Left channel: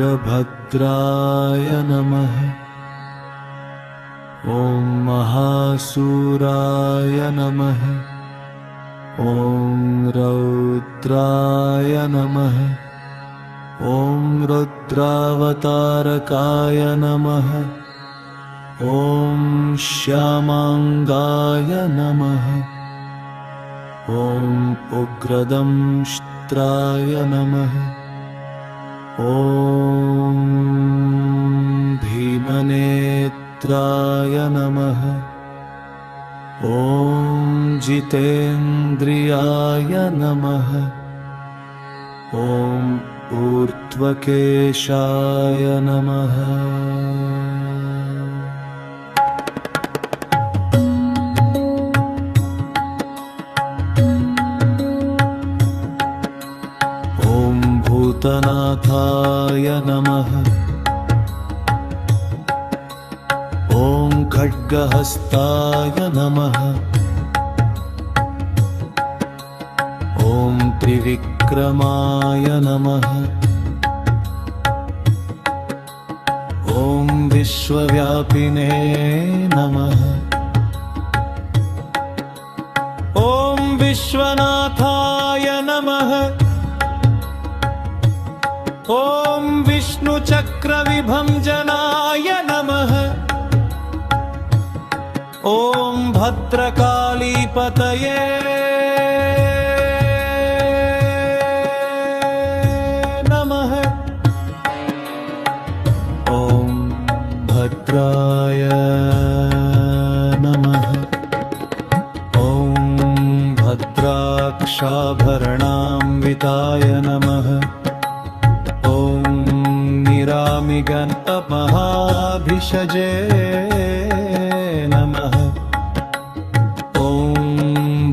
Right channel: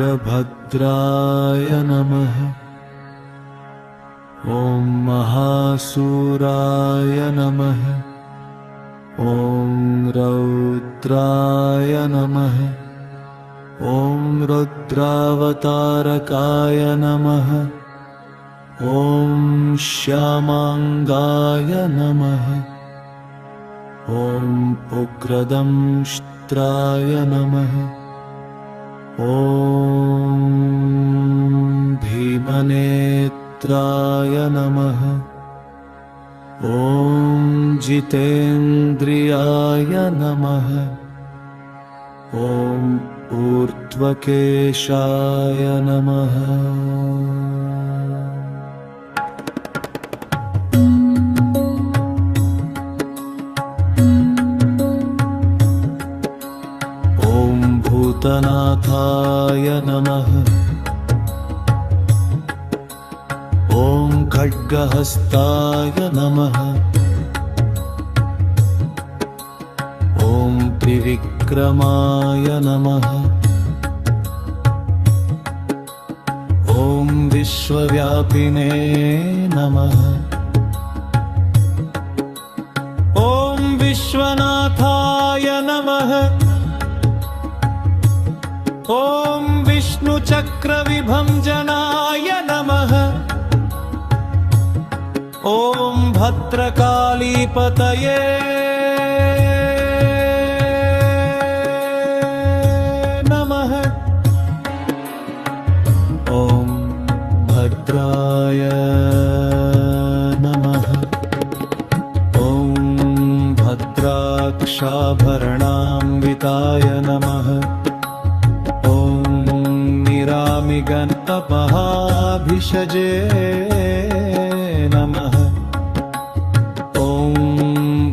वीरभद्राय नमः। ॐ महासूराय नमः। ॐ रौद्राय नमः। ॐ रुद्रावतारकाय नमः। ॐ श्यामांगाय नमः। ॐ उग्रदंष्ट्राय नमः। ॐ भीमनेत्राय नमः। ॐ जितेन्द्रियाय नमः। ॐ ऊर्ध्वकेशाय नमः। ॐ भूतनाथाय नमः। ॐ खड्गहस्ताय नमः। ॐ त्रिविक्रमाय नमः। ॐ विश्वव्यापिने नमः। ॐ विश्वनाथाय नमः। ॐ विष्णुचक्रविभञ्जनाय नमः। ॐ भद्रकालीपतये नमः। ॐ भद्राय नमः। ॐ भद्राक्षाभरणान्विताय नमः। ॐ निरामिगन्तमहाभिषजे नमः। ॐ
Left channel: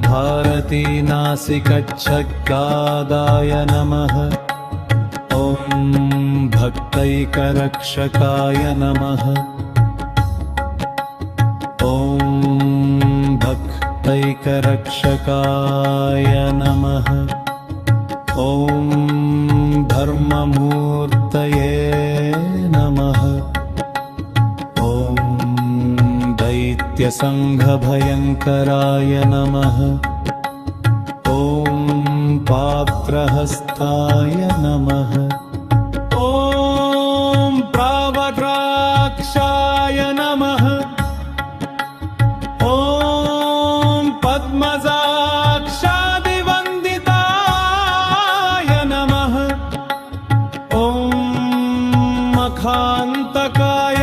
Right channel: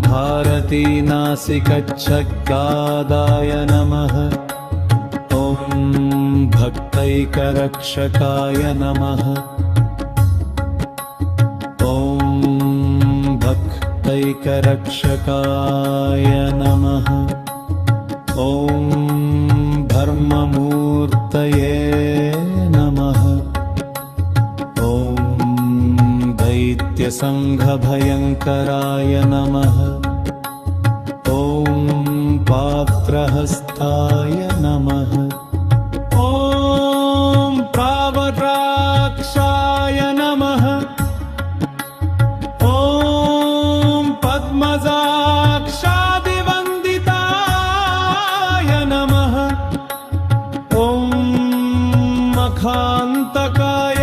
भारतीनासिकच्छगादाय नमः। ॐ भक्तैकरक्षकाय नमः। ॐ भक्तैकरक्षकाय नमः। ॐ धर्ममूर्तये नमः। ॐ दैत्यसङ्घभयङ्कराय नमः। ॐ पात्रहस्ताय नमः। ॐ प्रावद्राक्षाय नमः। ॐ पद्मजाक्षादिवन्दिताय नमः। ॐ मखान्तकाय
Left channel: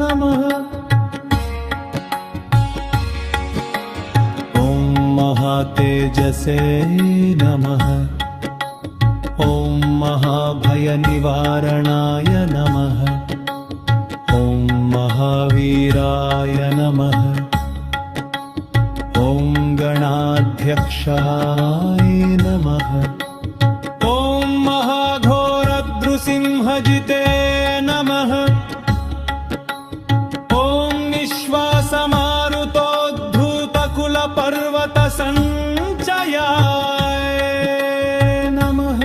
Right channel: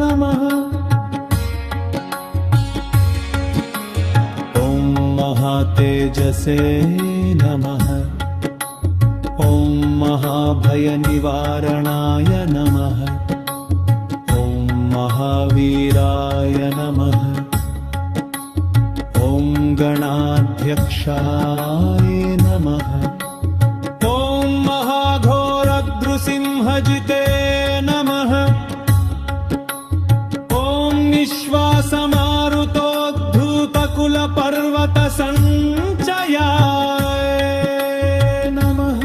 नमः। ॐ महातेजसे नमः। ॐ महाभयनिवारणाय नमः। ॐ महावीराय नमः। ॐ गणाध्यक्षाय नमः। ॐ महाघोरद्रुसिंहजिते नमः। ॐ निःश्वासमारुतोद्धूतकुलपर्वतसञ्चयाय नमः।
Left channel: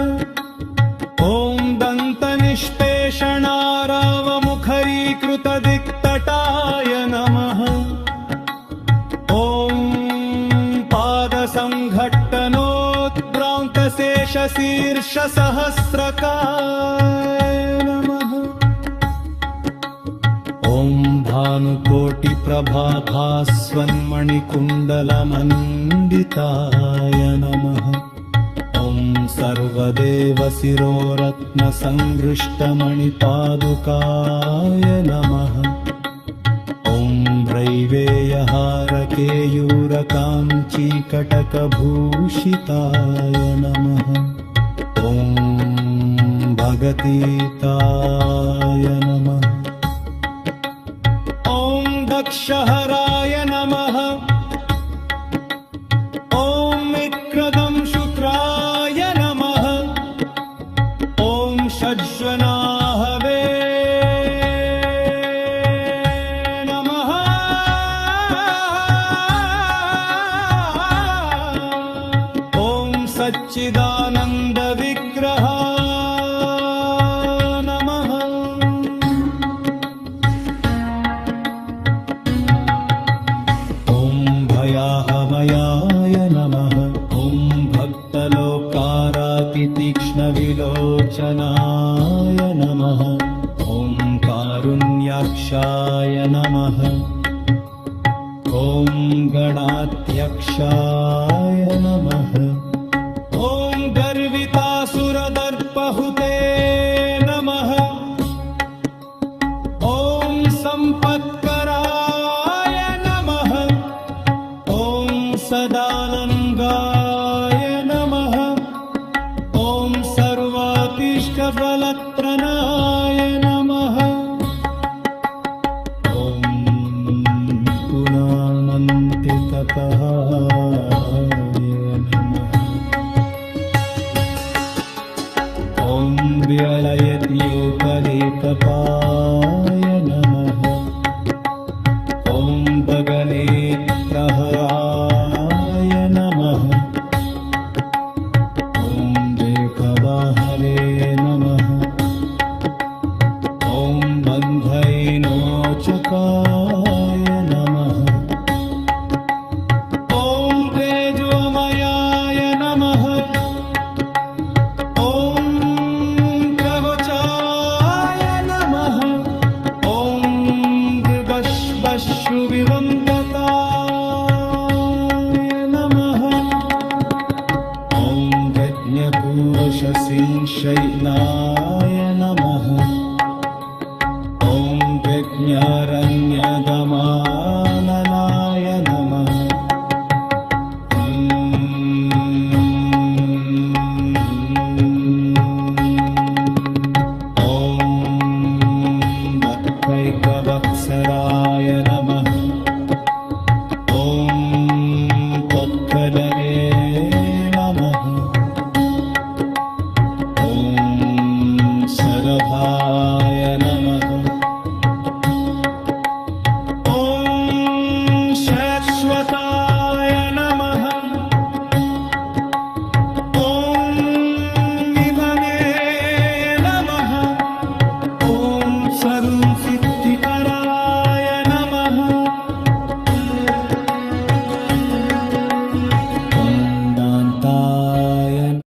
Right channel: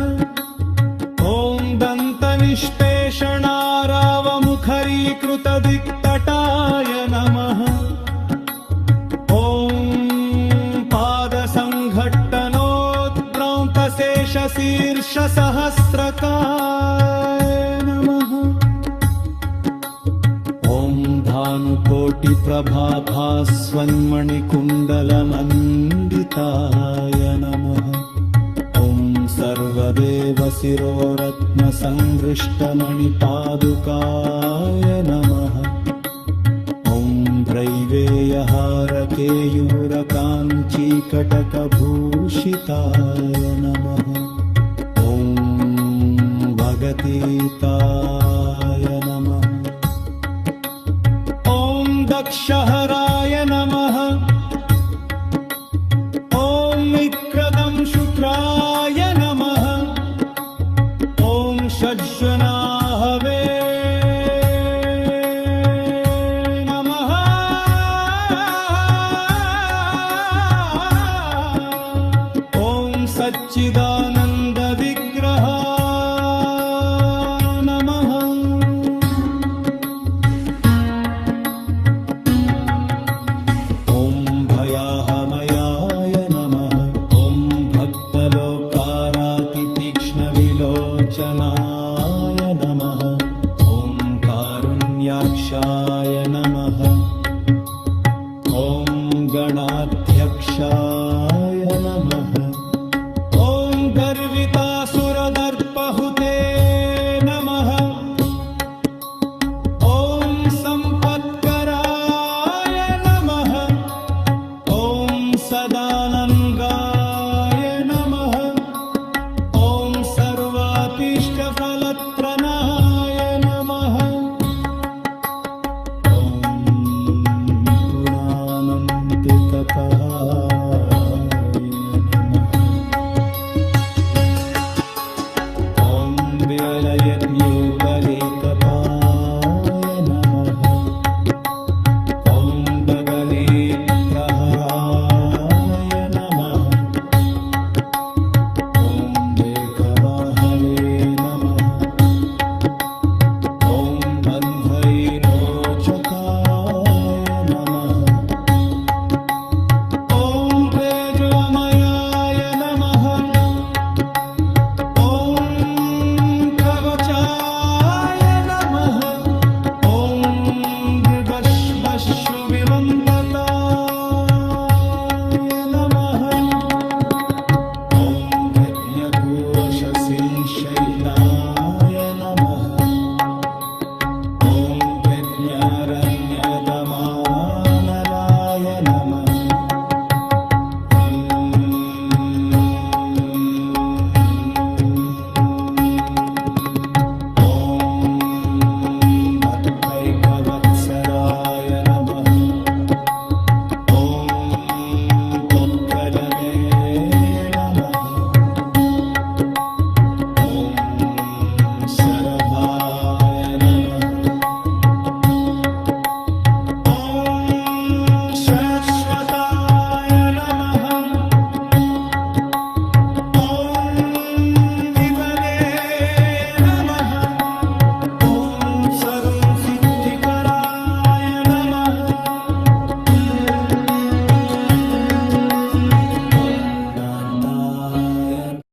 ॐ दन्तनिष्पेषणारावमुखरीकृतदिक्तटाय नमः। ॐ पादसङ्घट्टनोद्भ्रान्तशेषशीर्षसहस्रकाय नमः। ॐ भानुकोटिप्रभाभास्वन्मणिकुण्डलमण्डिताय नमः। ॐ सर्वदेवशिरोरत्नसंहृष्टमणिपादुकाय नमः। ॐ रैवेयहारकेयूरकाञ्चीकटकभूषिताय नमः। ॐ भगतीताय नमः। ॐ दक्षहराय नमः। ॐ विक्रदंशुत्राय नमः। ॐ षड्जनाहवे सच्चिदानन्द विग्रहाय नमः। ॐ भयाहमयाय नमः। ॐ भक्तलोकारातितीक्ष्णविलोचनाय नमः। ॐ कारुण्याक्षाय नमः। ॐ गणाध्यक्षाय नमः। ॐ गर्वितासुरदर्पहुते नमः। ॐ सम्पत्कराय नमः। ॐ सदानन्दाय नमः। ॐ सर्वाभीष्टफलत्रणाय नमः। ॐ पुनानन्तितपहाय नमः। ॐ व्यलयज्ञोपलेतपाय नमः। ॐ बगलेत्प्रहराय नमः। ॐ वेकवाहवे नमः। ॐ बन्धैनोचकाय नमः। ॐ तेजोमयाय नमः। ॐ प्रवचाय नमः। ॐ दिवश्वशुभिवन्तताय नमः। ॐ यज्ञपूरुषसिंशैलाय नमः। ॐ यज्ञारण्यदमानलाय नमः। ॐ भक्तैकवत्सराय नमः। ॐ पोक्कलने नमः। ॐ सरभाय नमः। ॐ शाश्वताय नमः। ॐ निधने नमः। ॐ सर्वसिद्धिकराय